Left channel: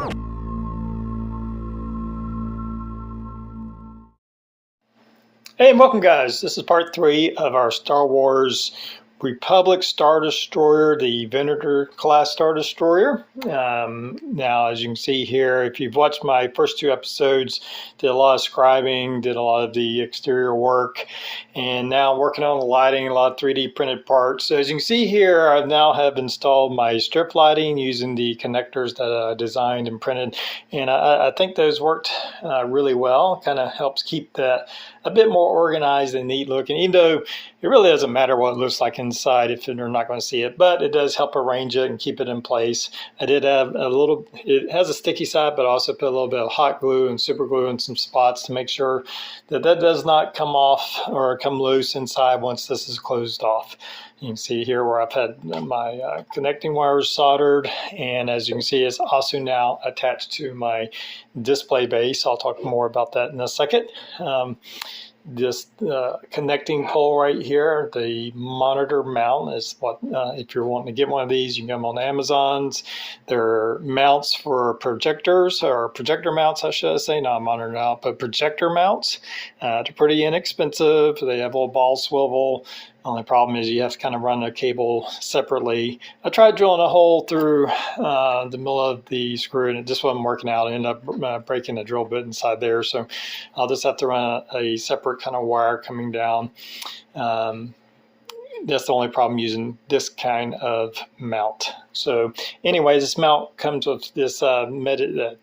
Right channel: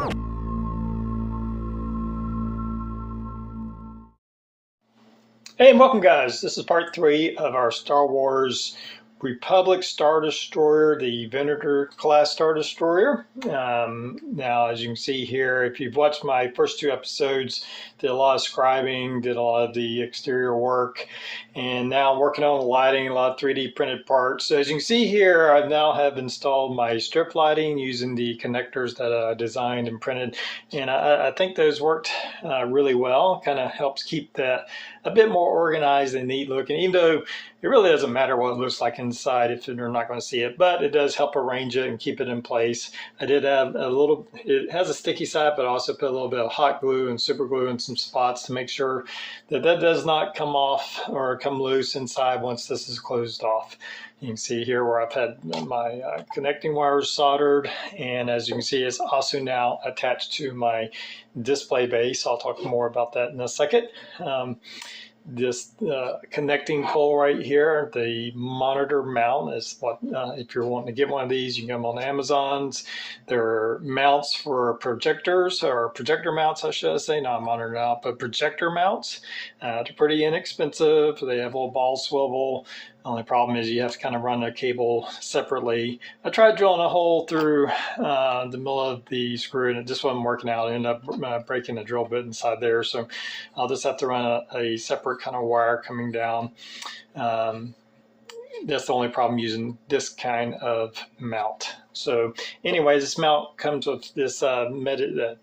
Hey, and welcome guys. This is part 3 of our Star Wars Republic Star Destroyer, the Venator class Star Destroyer. Now, as you can see here, if you've watched my first 2 episodes, did a lot of scribing, did a lot of the exterior work, and now I'm working on the lighting, a lot of 3D printed parts. So as you can see here, I now have installed my strip lighting using the connectors that I designed and printed, and I think those worked really well. Kind of helps keep that a bit more organized and neat looking, even though it really doesn't matter what it looks like inside if you're not going to see it, but it does help arrange it and keep it in place. I did have a little, it has a sticky side, but I also put a little bit of hot glue and super glue in some spots to make sure that that does not come off or come loose inside once this is closed off. You can see here where I've had my connecting wires soldered, and as you can see, it's also now attached to my display base. I'll talk more about that in a second. This connecting pole right here, the monitor mount, is what if you're wanting to get one of these, you can get them on Amazon's. They're mounts for projectors, or projector mounts I should say, not monitor mount, but projector mounts. They're pretty inexpensive. They have a little ball swivel. Only problem is you have to kind of run a cable separately. I tried drilling a hole through the middle of the screw and it just wasn't working out. I ended up breaking the drill bit inside there, so I'll just have to run a separate kind of wire coming down. That's the only problem using this kind of mount. So anyways, this mount comes with this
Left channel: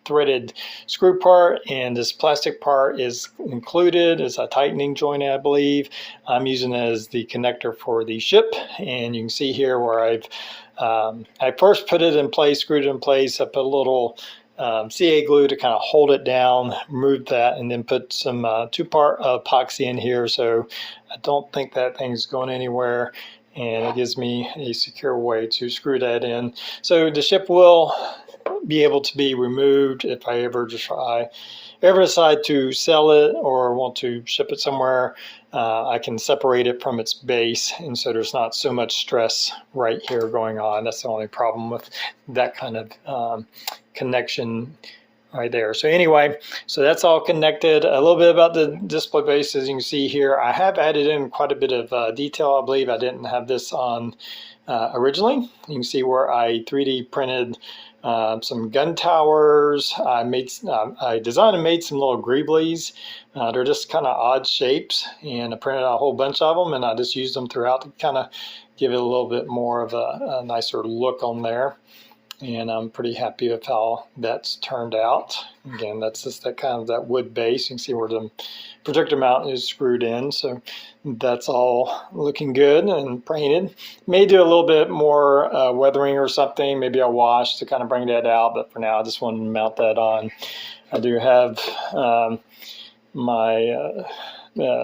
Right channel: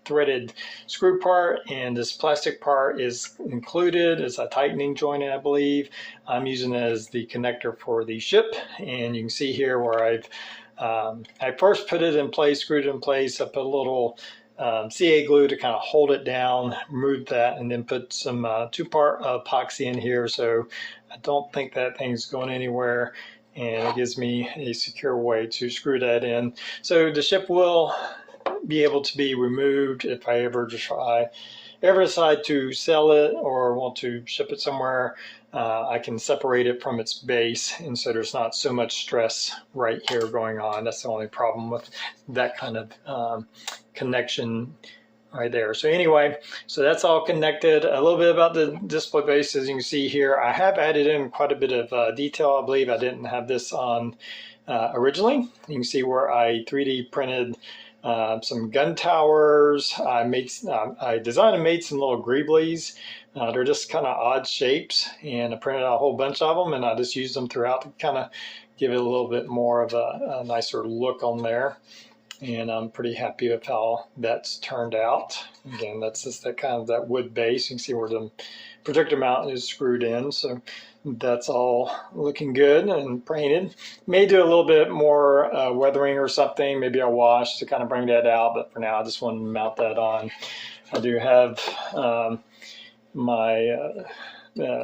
threaded screw part, and this plastic part is included. It's a tightening joint, I believe. I'm using it as the connector for the ship, and you can see here where I first put it in place, screwed it in place. I put a little CA glue to kind of hold it down, remove that, and then put some 2-part epoxy in here, so I don't think that thing's going anywhere, and it gives me a secure way to screw that in. So the ship will be able to be removed if I ever decide to sell it or want to ship it somewhere. I can separate it from its base, and so there's not so much stress right here going on. That's the only problem with that kind of connection right there. So anyway, so that's all connected. A little bit about the display base. As you can see here, I have added in quite a bit of detail. I believe I didn't have this on originally. You can see where I 3D printed some gun towers. I designed and made some little greeblies. They're just kind of odd shapes, and I printed out a whole bunch of them, and I just used them throughout to kind of give it a little bit more of a nicer look on there. And I'm pretty happy with how that's turned out. Again, that's just that wood base. You can see where the projector mount is screwed in, so that's all looking good and painted. May do a little bit more weathering or something. Maybe I'll wash to kind of bring that out, but for now I just want to mount that on. I do have my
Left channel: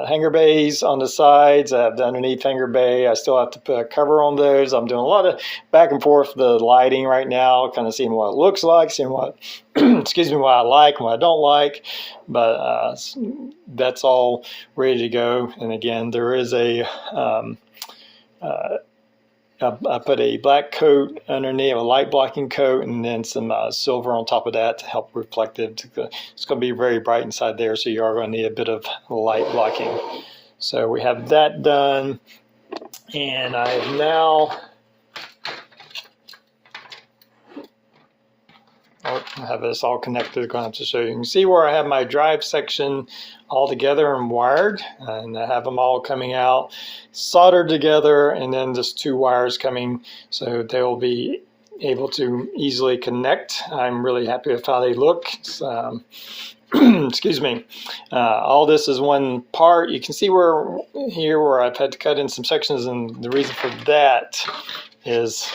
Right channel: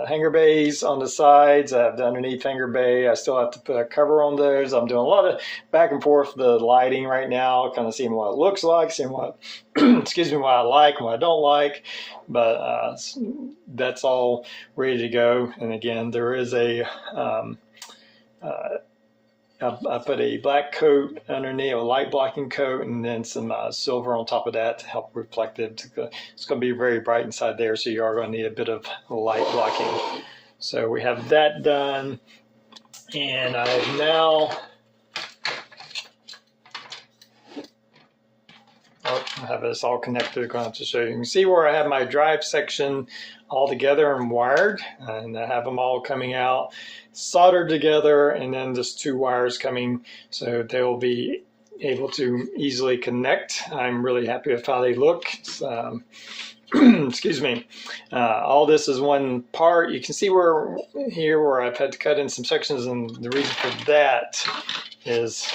hanger bays on the sides. I have the underneath hanger bay. I still have to put a cover on those. I'm doing a lot of back and forth with the lighting right now, kind of seeing what it looks like, seeing what excuse me, what I like and what I don't like. But that's all ready to go. And again, there is a I put a black coat underneath, a light blocking coat, and then some silver on top of that to help reflect it. It's going to be very bright inside there, so you are going to need a bit of light blocking. So we have that done, and I have now I have this all connected. Going to show you. You can see where I have my drive section all together and wired, and I have them all coming out soldered together, and then just 2 wires coming, so they will be able to easily connect. I'm really happy with how they look. Excuse me. All this is one part. You can see where I've had to cut in some sections, and the reason for that is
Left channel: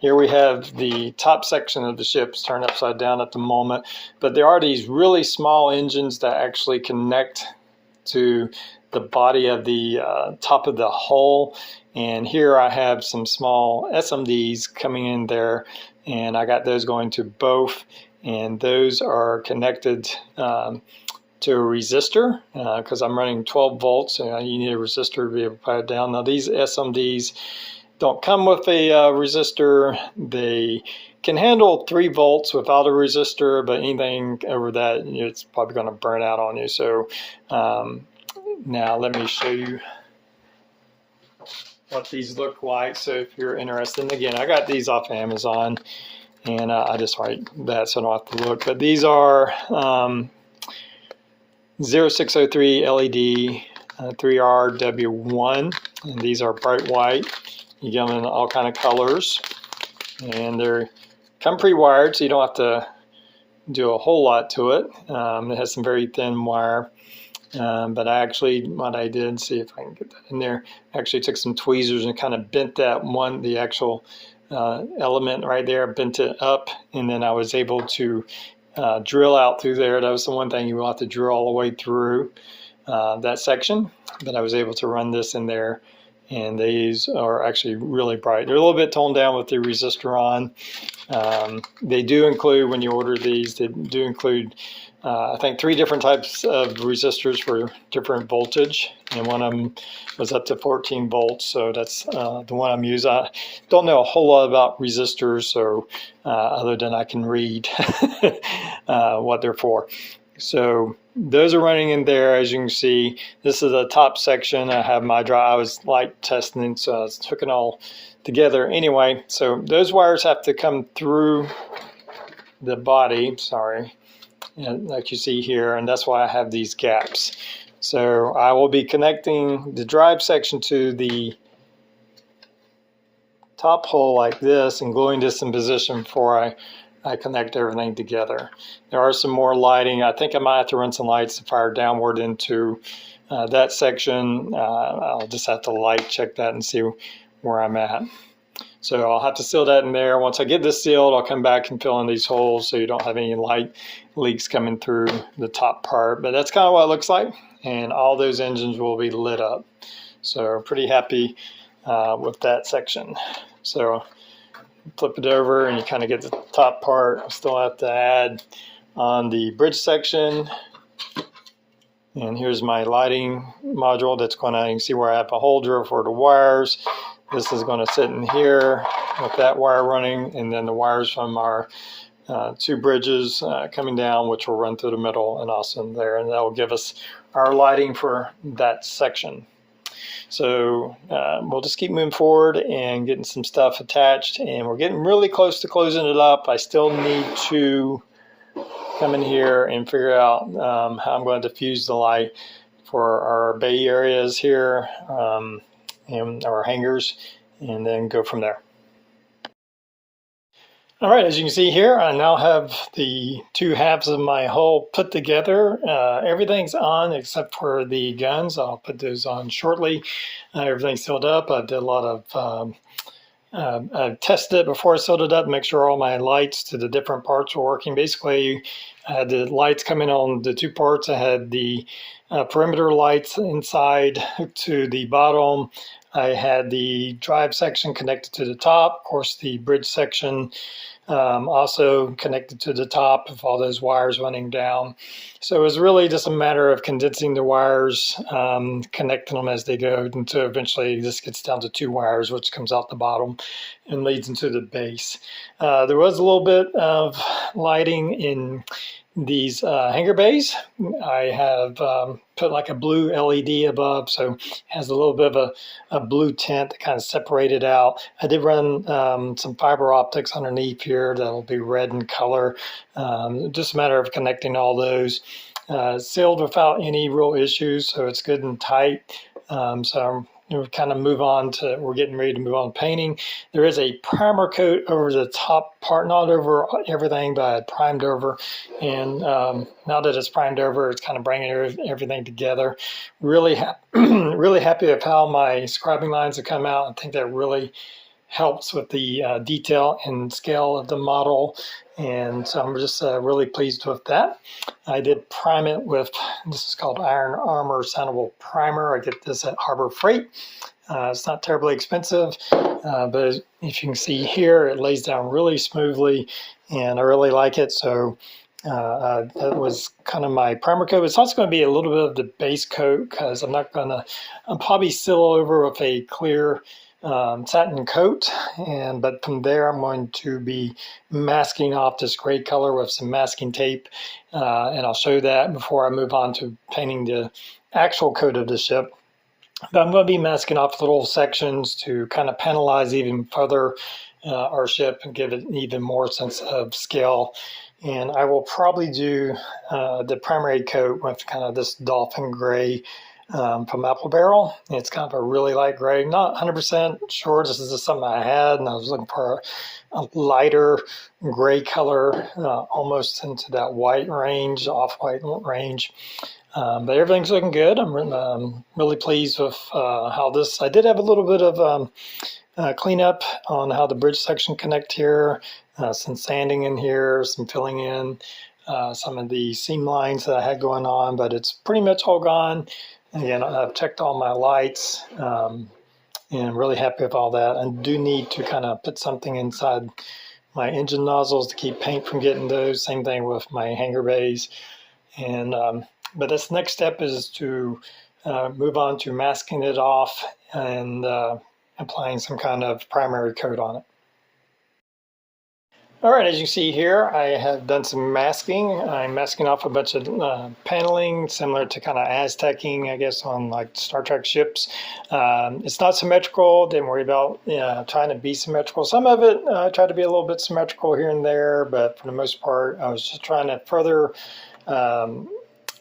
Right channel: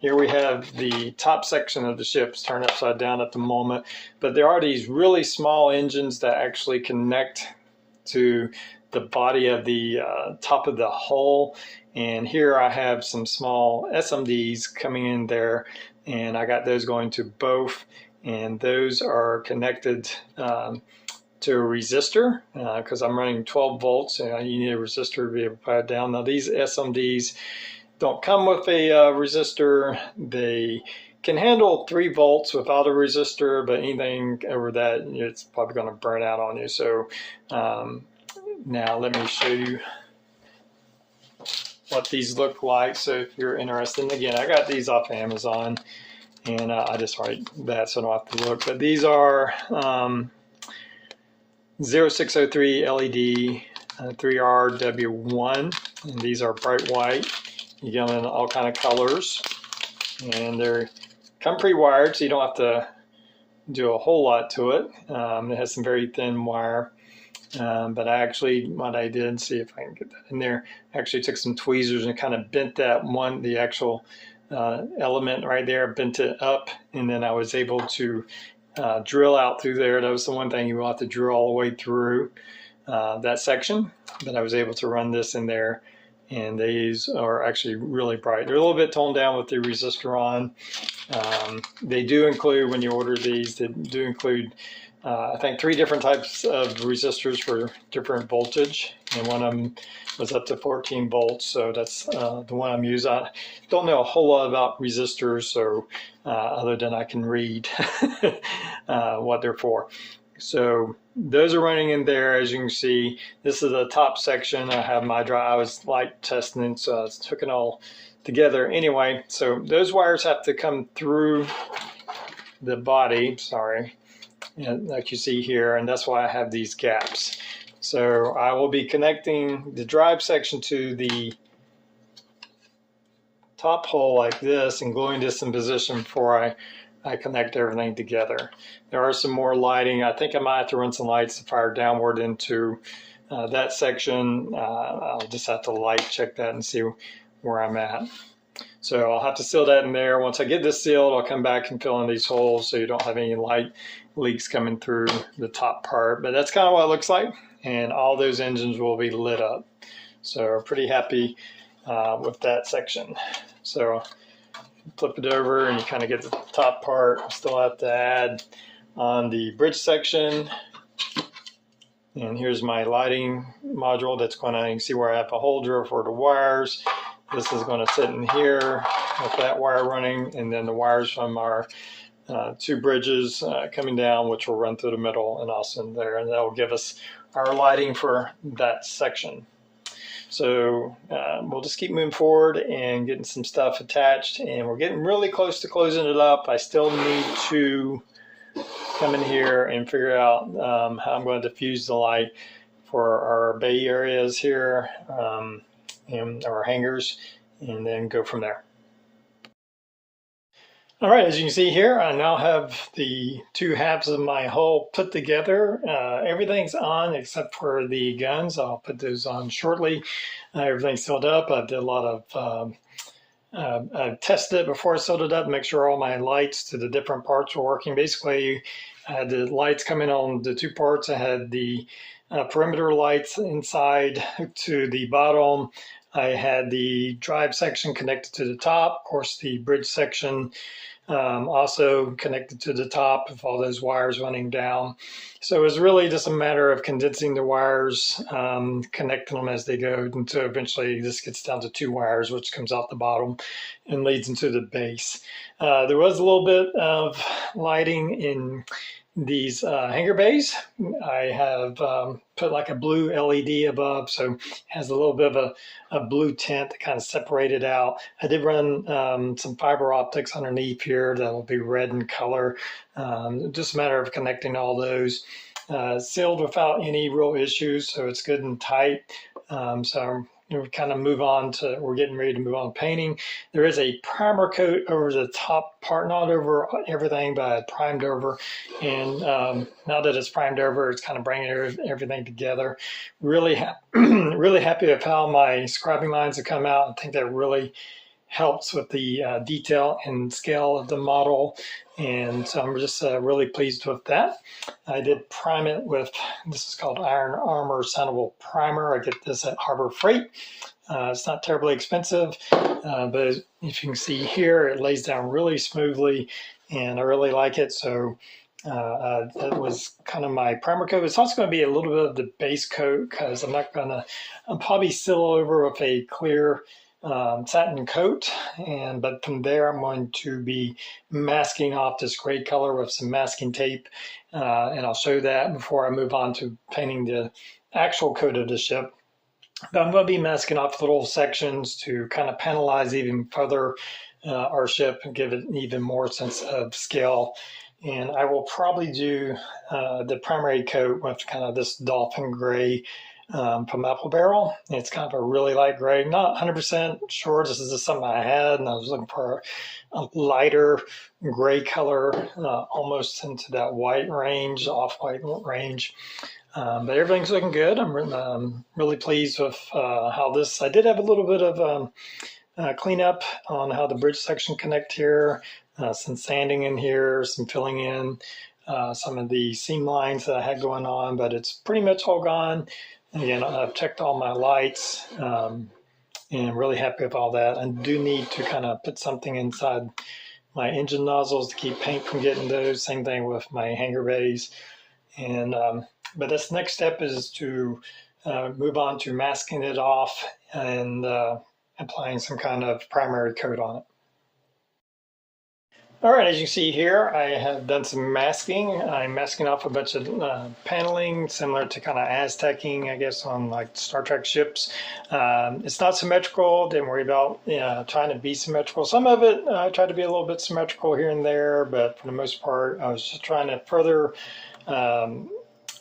here we have the top section of the ship's turned upside down at the moment, but there are these really small engines that actually connect to the body of the top of the hull. And here I have some small SMDs coming in there, and I got those going to both, and those are connected to a resistor because I'm running 12 volts, and you need a resistor to be able to power it down. Now these SMDs, don't come with a resistor. They can handle 3 volts without a resistor, but anything over that, it's probably going to burn out on you. So now let me show you what these look like. So if you're interested, and again, I got these off Amazon, and I just write that so I don't have to look. But these are 0603 LED 3RW1, and these are bright white. You get them in all kind of colors, and they're come pre-wired, so you don't have to do a whole lot to it. It has some very thin wire, but what I did, see if I can get that in there, actually took some tweezers and kind of bent that one, the actual element right there, bent it up, and then I was able to drill out through there. That was the one thing you will have to drill all the way through that section, but I was able to run this in there, and these are actually really bright. They're a little bit toned down with the resistor on. They do include, when you order these, they do include I think 3 different types of resistors for different voltage, and one of them was up to 14 volts, so that's the one I'm using. I don't know a whole lot about resistors, so other than I can read what they're for. So those are running in there. As you can see, this is the top section. I have my I was light testing, so I was hooking all together anyway. So those wires have to come through the body, like you see here, and that's why I have these gaps. So I will be connecting the drive section to the top hole like this and gluing this in position before I connect everything together. There are some more lighting. I think I might have to run some lights to fire downward into that section. I'll just have to light check that and see where I'm at. So I'll have to seal that in there. Once I get this sealed, I'll come back and fill in these holes so you don't have any light leaks coming through the top part. But that's kind of what it looks like, and all those engines will be lit up. So pretty happy with that section. So flip it over and you kind of get the top part. I still have to add on the bridge section. And here's my lighting module that's going to, you can see where I have a hole drill for the wires. This is going to sit in here with that wire running, and then the wires from our 2 bridges coming down, which will run through the middle and also in there, and that will give us our lighting for that section. So we'll just keep moving forward and getting some stuff attached, and we're getting really close to closing it up. I still need to come in here and figure out how I'm going to diffuse the light for our bay areas here, and our hangers, and then go from there. All right, as you can see here, I now have the 2 halves of my hull put together. Everything's on except for the guns. I'll put those on shortly. Everything's sealed up. I did a lot of I tested it before I sealed it up, make sure all my lights to the different parts were working. Basically, I had the lights coming on the 2 parts. I had the perimeter lights inside to the bottom. I had the drive section connected to the top. Of course, the bridge section also connected to the top of all those wires running down. So it was really just a matter of condensing the wires, connecting them as they go, until eventually this gets down to 2 wires, which comes out the bottom and leads into the base. There was a little bit of lighting in these hanger bays. I have put like a blue LED above, so it has a little bit of a blue tint to kind of separate it out. I did run some fiber optics underneath here that'll be red in color. Just a matter of connecting all those. Sealed without any real issues, so it's good and tight. So we're kind of we're getting ready to move on to painting. There is a primer coat over the top part, not over everything, but I primed over. And now that it's primed over, it's kind of bringing everything together. Really, really happy with how my scribing lines have come out. I think that really helps with the detail and scale of the model. And so I'm just really pleased with that. I did prime it with, this is called Iron Armor Soundable Primer. I get this at Harbor Freight. It's not terribly expensive, but if you can see here, it lays down really smoothly, and I really like it. So that was kind of my primer coat. It's also going to be a little bit of the base coat, because I'll probably seal over with a clear satin coat, but from there I'm going to be masking off this gray color with some masking tape, and I'll show that before I move on to painting the actual coat of the ship. But I'm going to be masking off little sections to kind of panelize even further our ship and give it an even more sense of scale. And I will probably do the primary coat with kind of this dolphin gray from Apple Barrel. It's kind of a really light gray. Not 100% sure this is just something I had, and I was looking for a lighter gray color, almost into that white range, off-white range. But everything's looking good. I'm really pleased with how this. I did have a little bit of cleanup on how the bridge section connect here, some sanding in here, some filling in some of the seam lines that I had going on, but it's pretty much all gone. Again, I've checked all my lights, and I'm really happy with all that. I do need to kind of put something inside my engine nozzles to keep paint from getting those. Same thing with my hangar bays. And but this next step is to move on to masking it off and applying some kind of primary coat on it. All right, as you see here, I have done some masking. I'm masking off a bunch of paneling, similar to kind of Aztecing, I guess, on like Star Trek ships. It's not symmetrical. Didn't worry about trying to be symmetrical. Some of it I tried to be a little bit symmetrical here and there, but for the most part, I was just trying to further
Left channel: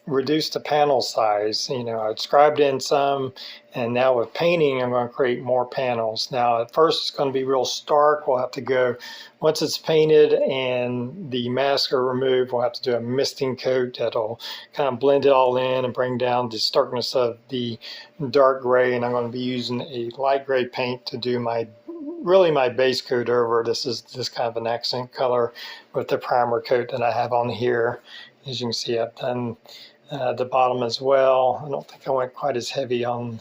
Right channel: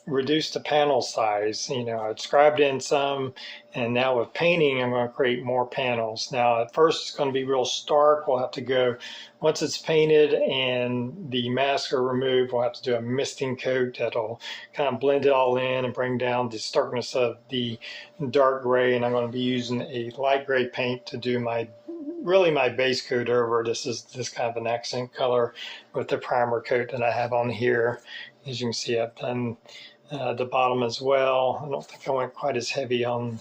reduce the panel size. I scribed in some, and now with painting, I'm going to create more panels. Now, at first, it's going to be real stark. We'll have to go, once it's painted and the masks are removed, we'll have to do a misting coat that'll kind of blend it all in and bring down the starkness of the dark gray. And I'm going to be using a light gray paint to do my base coat over. This is just kind of an accent color with the primer coat that I have on here. As you can see, I've done the bottom as well. I don't think I went quite as heavy on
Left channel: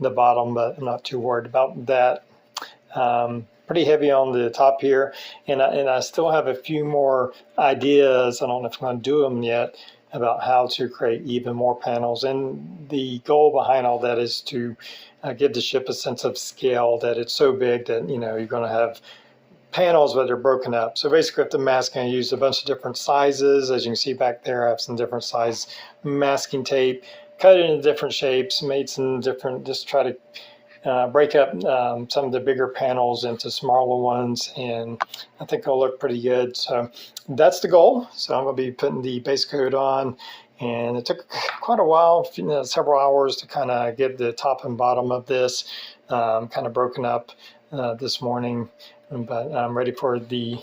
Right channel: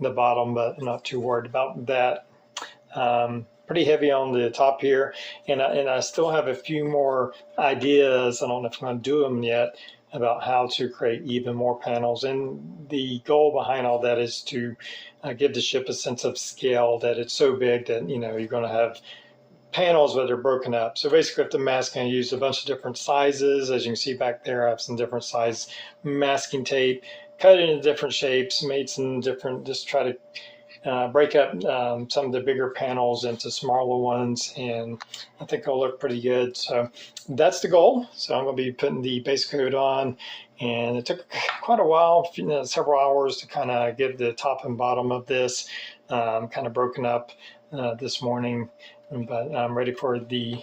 the bottom, but I'm not too worried about that. Pretty heavy on the top here, and I still have a few more ideas. I don't know if I'm going to do them yet, about how to create even more panels. And the goal behind all that is to give the ship a sense of scale, that it's so big that you're going to have panels, but they're broken up. So basically, with the masking, I used a bunch of different sizes. As you can see back there, I have some different size masking tape, cut it into different shapes, made some different, just try to break up some of the bigger panels into smaller ones, and I think it'll look pretty good. So that's the goal. So I'm going to be putting the base coat on, and it took quite a while, several hours, to kind of get the top and bottom of this kind of broken up this morning. But I'm ready for the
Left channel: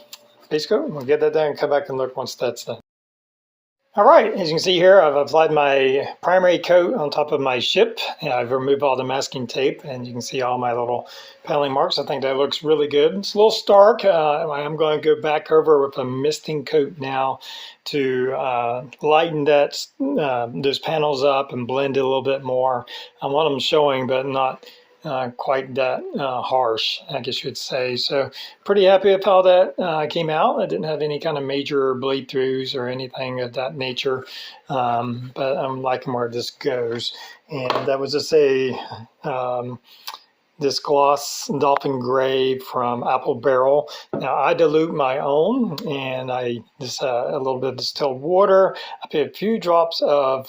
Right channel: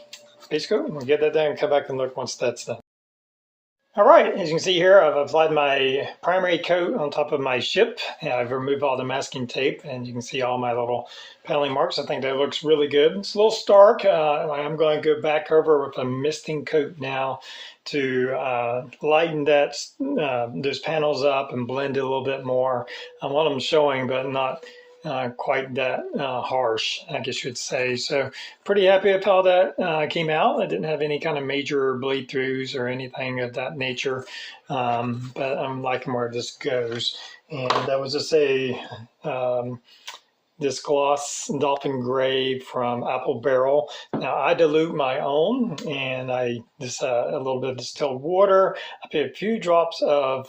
base coat. We'll get that done and come back and look once that's done. All right, as you can see here, I've applied my primary coat on top of my ship, and I've removed all the masking tape, and you can see all my little paneling marks. I think that looks really good. It's a little stark. I'm going to go back over with a misting coat now to lighten that those panels up and blend it a little bit more. I want them showing, but not quite that harsh, I guess you would say. So pretty happy with how that came out. I didn't have any kind of major bleed throughs or anything of that nature, but I'm liking where this goes. And that was just this gloss dolphin gray from Apple Barrel. Now I dilute my own, and I just a little bit of distilled water. I put a few drops of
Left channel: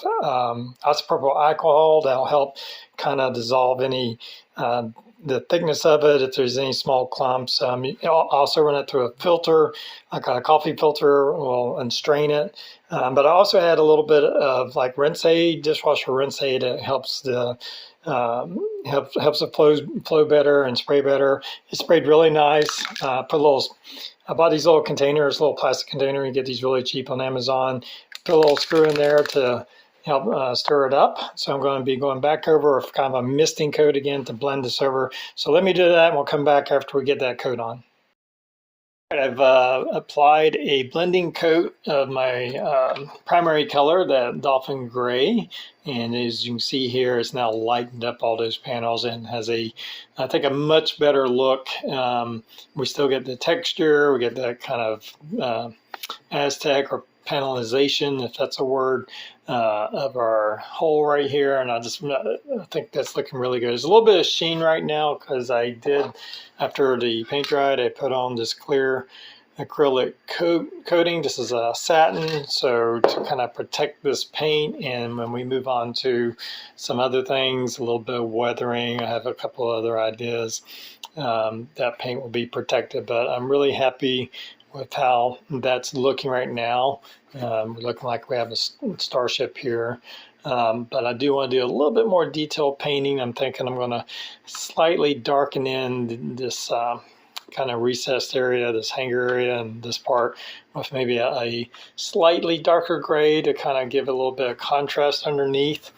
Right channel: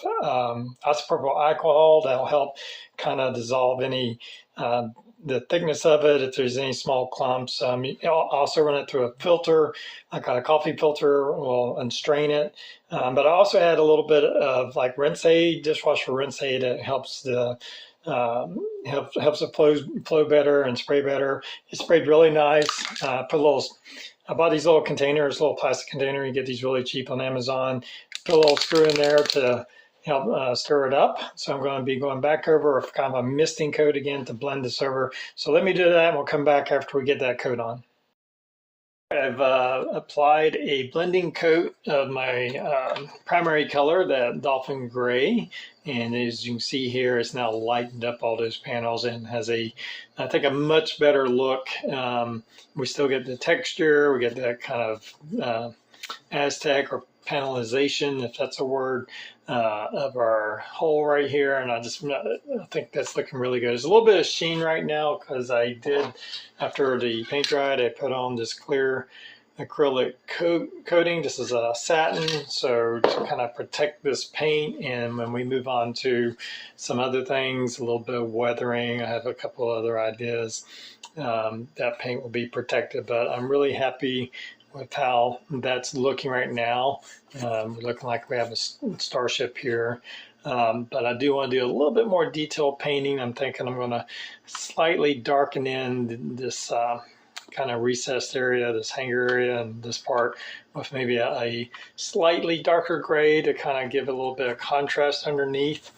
isopropyl alcohol that'll help kind of dissolve any the thickness of it if there's any small clumps. I'll also run it through a filter, like a coffee filter, and strain it. But I also add a little bit of like rinse aid, dishwasher rinse aid. It helps the helps it flow better and spray better. It sprayed really nice. I bought these little containers, little plastic container. You get these really cheap on Amazon. Put a little screw in there to help stir it up. So I'm going to be going back over with kind of a misting coat again to blend this over. So let me do that, and we'll come back after we get that coat on. I've applied a blending coat of my primary color, that dolphin gray, and as you can see here, it's now lightened up all those panels and has I think, a much better look. We still get the texture, we get that kind of Aztec or panelization, if that's a word, of our hole right here. And I think that's looking really good. There's a little bit of sheen right now because I did, after the paint dried, I put on this clear acrylic coating. This is a satin, so to kind of protect this paint, and when we move on to some other things, a little bit of weathering, I have a couple of other ideas, that paint will be protected. But I'm really happy with how that's looking right now. We're looking like we have a starship here. But I do want to do a little bit more detailed painting. I'm thinking I'm going to slightly darken in this kind of recessed area, this hanger area, and this part with maybe a slightly darker gray to kind of give a little bit of contrast underneath.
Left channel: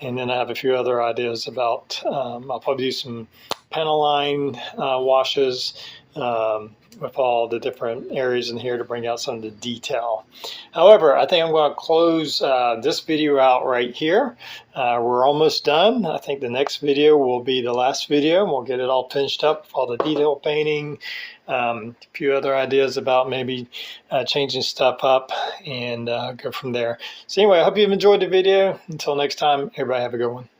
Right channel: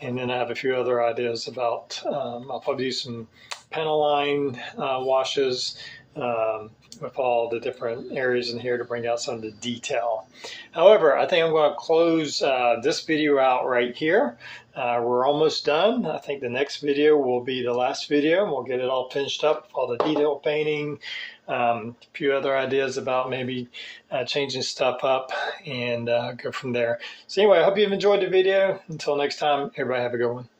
And then I have a few other ideas about, I'll probably do some panel line washes with all the different areas in here to bring out some of the detail. However, I think I'm going to close this video out right here. We're almost done. I think the next video will be the last video, and we'll get it all finished up with all the detail painting, a few other ideas about maybe changing stuff up, and go from there. So anyway, I hope you've enjoyed the video. Until next time, everybody have a good one.